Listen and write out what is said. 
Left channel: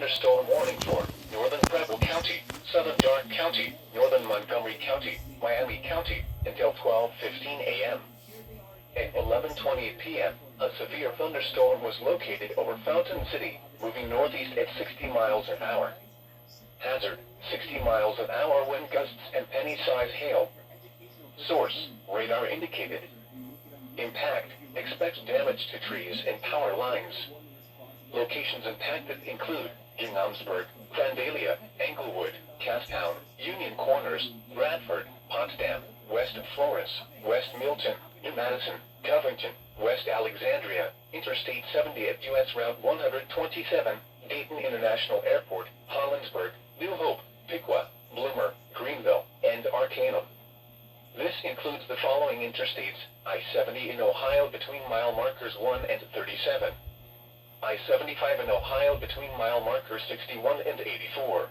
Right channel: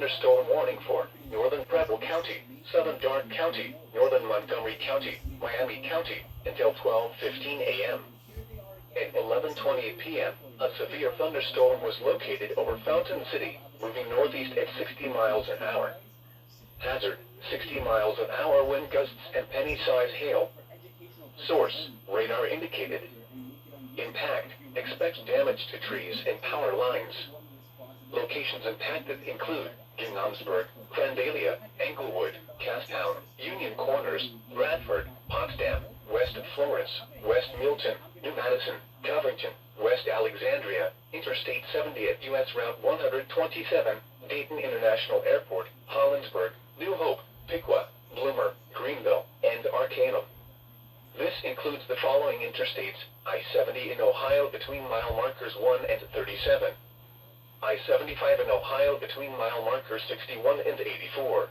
thunderstorm warning for northern Preble County, southern Darke County, northern Montgomery County, Miami County, until 12:15 a.m. At 11:20 p.m., a severe thunderstorm was located over Fountain City, moving northeast at 60 miles an hour. Hazard, 60 miles an hour wind gusts and penny-size hail. Source, radar indicated. Impact, expect damage to trees and power lines. Locations impacted include Ginghamsburg, Vandalia, Englewood, Castown, Union Corners, Bradford, Potsdam, West Florence, West Milton, New Madison, Covington, West Alexandria, Interstate 70 at U.S. Route 127, Dayton International Airport, Hollinsburg, New Hope, Piqua, Bloomer, Greenville, and Arcanum. This includes the following interstates: I-70 in Ohio between mile markers 1 and 37. I-75 in Ohio between mile markers 61 and 84.